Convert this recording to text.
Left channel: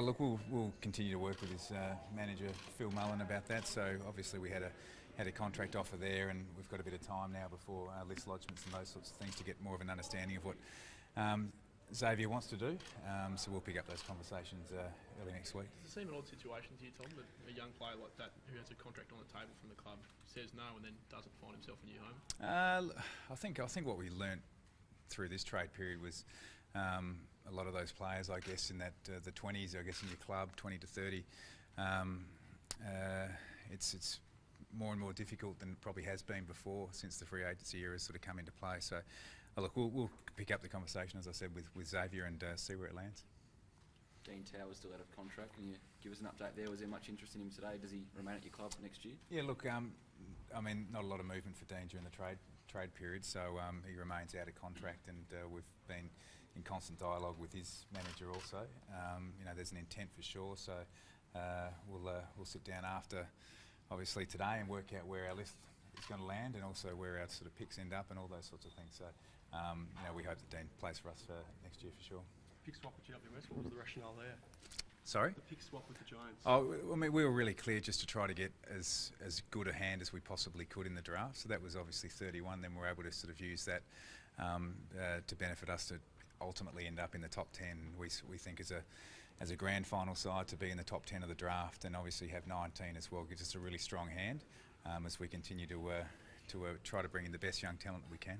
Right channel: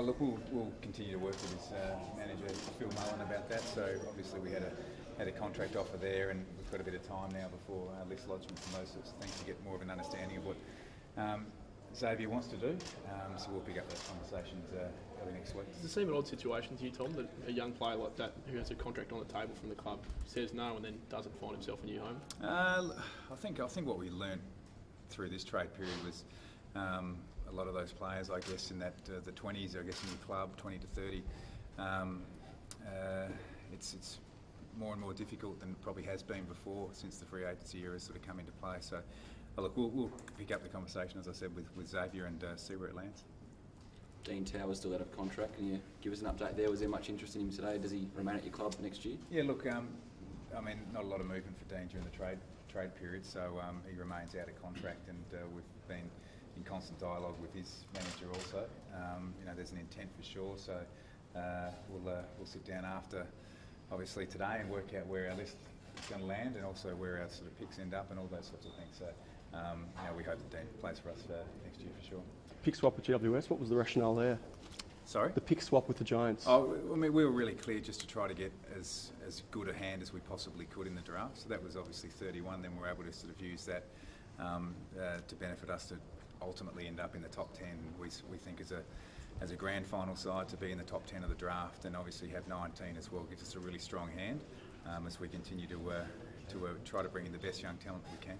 Oh look, we'll continue to work with his manager Phil Mullen about that. So obviously we had a contract offer there, and we've got a bit of time now before list lodgements and those sorts of things to get more of an understanding of what Xavier wants to do. So we'll pick up those conversations early next week. Does it seem an odd situation to you, Tom, that a young player like that who has a contract on the table from the club says no and then doesn't find himself a new home? I think what we learnt through this trade period was a lot of those players, I guess, in that the 20s, I guess, in your club, 20 to 30, it's more and more difficult than it probably has been before since the free agency era has sort of come into play. So, look, we'll pick up the conversation, as I said, with Xavier and see where it lands. Dean Towers still out of contract. Can you give us an update there? Was there much interest in him today? Does he remain at your club for next year? Yeah, look, I mean, not a lot of movement for Dean during the trade period, so he remains out of contract, and we've been in constant dialogue with his manager also. There's an intent for sure, so we'll sit down after, obviously, today and work out where our list is going to land, and also where our sort of picks end up and all those sorts of things. So we hope that Dean plays for us for next year for sure. Pick swap with GWS, what was the rationale there? Sorry? The pick swap with the Giants. Oh, I mean, we were really clear just to try to get as good a hand as we possibly could in the draft. So that was obviously 31. Then we were able to sort of use that to benefit us to ultimately end up in the top 10. We think as a grand final side to be in the top 10 of the draft, and obviously have 19 as well, gives us a really strong hand as we continue to try to bring in the best young talent we can.